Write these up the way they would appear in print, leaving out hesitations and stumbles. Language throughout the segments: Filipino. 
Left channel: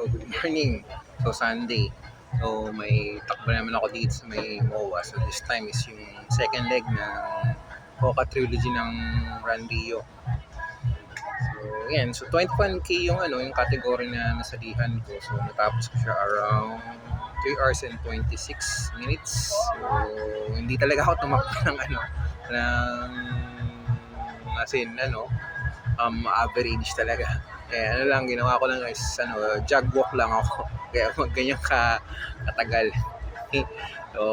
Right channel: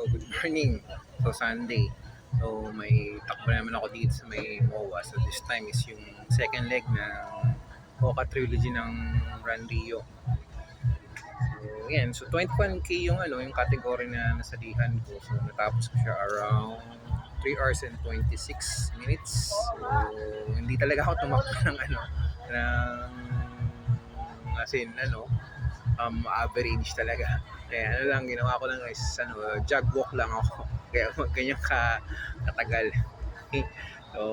So, good morning. So, Sunday. So, may takbo naman ako dito sa may MOA. So, this time is yung second leg ng Coca Trilogy ng Run Rio. So, yan. So, 21K yung yung category na nasalihan ko. So, natapos ko siya around 3 hours and 26 minutes. So, hindi talaga ako tumakbo ng ng as in, average talaga. Kaya lang, ginawa ko lang is, jog walk lang ako. Kaya ganyan katagal. So,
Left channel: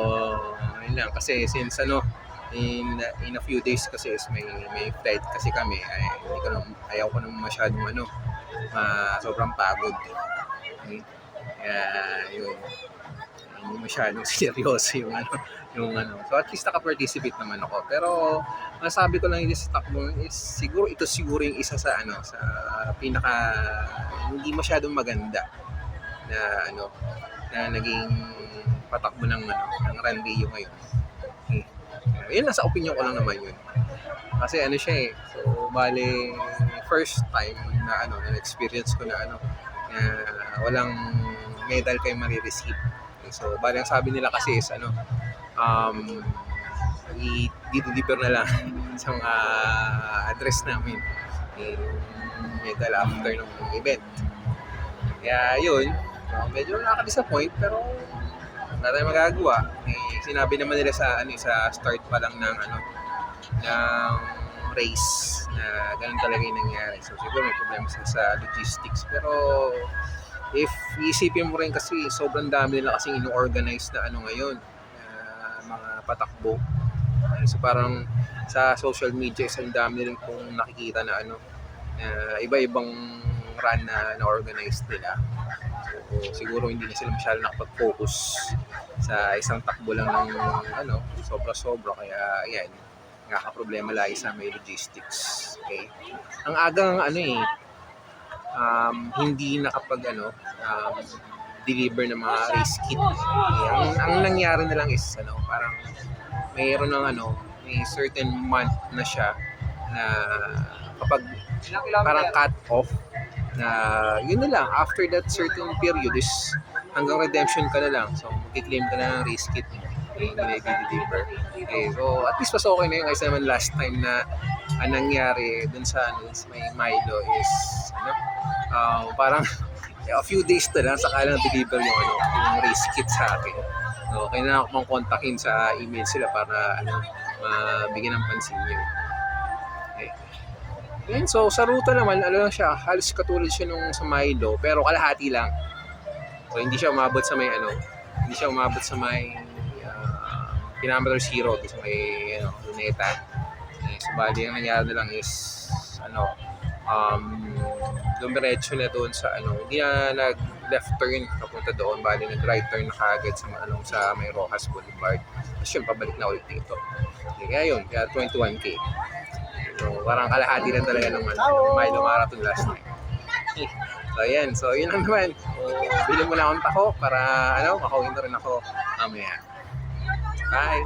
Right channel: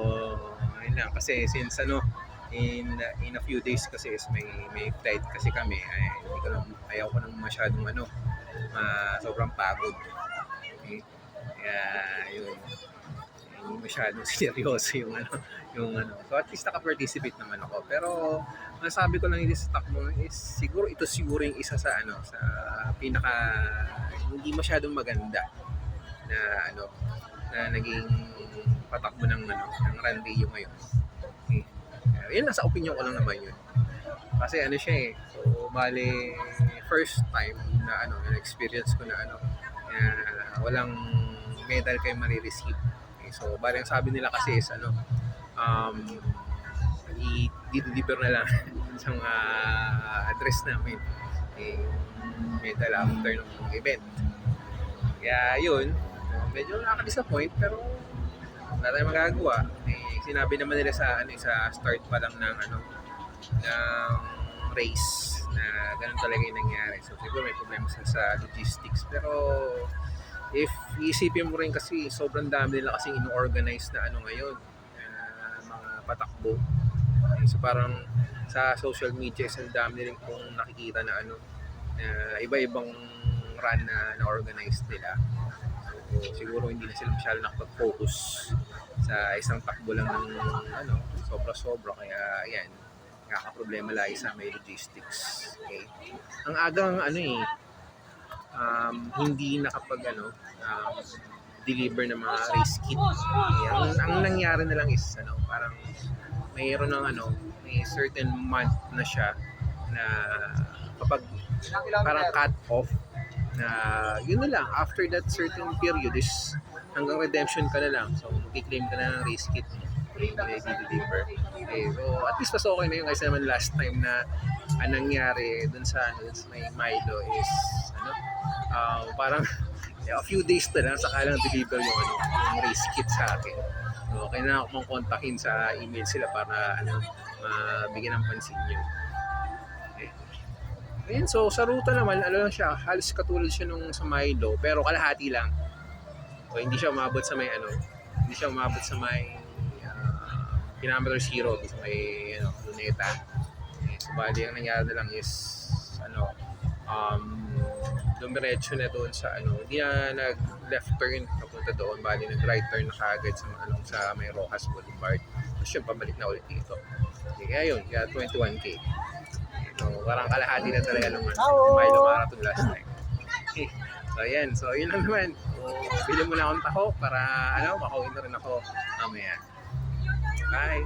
yun lang. Kasi since in a few days kasi is may flight kasi kami, ay ayaw ko naman masyadong sobrang pagod. Okay? Kaya yun, hindi masyadong seryoso so at least naka-participate naman ako. Pero masabi ko lang yung sa takbo is siguro yung isa sa sa pinaka hindi masyadong maganda na na naging patakbo ng Run Rio ngayon. Okay. Yun, nasa opinion ko lang naman yun. Kasi siya so bale first time na na experience ko na walang medal kayo marireceive. Okay, so bale ang sabi nila kasi is i-deliver na lang sa address namin medal after ng event. Kaya yun, medyo nakaka-disappoint pero wala tayong magagawa. Sinabi naman nila sa sa start pa lang ng race na ganun talaga yung nangyari. So siguro may problema sa logistics, pero if iisipin mo rin kasi sobrang dami nila kasing ino-organize na ngayon mga patakbo. So parang sa social media ang dami rin kung nakikita na iba-ibang run na organize nila. So siguro hindi na sila masyado nakapag-focus sa isang takbo lang ng sobra-sobra, kaya ayan, nakaka-problema lagi sa may logistics. Okay? Ang agang hindi nakapag deliver ng mga race kit. Ang nangyari na lang is parang mayroon ng may certain month na siya na kapag parang cut off na yun na lang, after that certain period is hanggang redemption ka na lang, so mag-claim ka na ng race kit hindi na i-deliver. Okay, so at least mas okay na yun kasi naman last time na ang nangyari dun sa may Milo is parang a few days na lang saka lang deliver yung race kit sa akin. So kailangan ko mang kontakin sa email sila para mabigyan ng pansin yun. Okay. Yan, so sa ruta naman lang siya, halos katulad siya nung sa Milo pero kalahati lang. So hindi siya umabot sa may kilometer 0 sa may Luneta. So bali ang nangyari na lang is dumiretso na doon sa hindi na nag left turn papunta doon, bali nag right turn na kaagad sa may Rojas Boulevard. Tapos yun, pabalik na ulit dito. Kaya yun, kaya 21K. So parang kalahati lang talaga ng Milo Marathon last time. So ayan, so yun lang naman. So, bilhin mo lang akong tako para makawin na rin ako mamaya. Bye!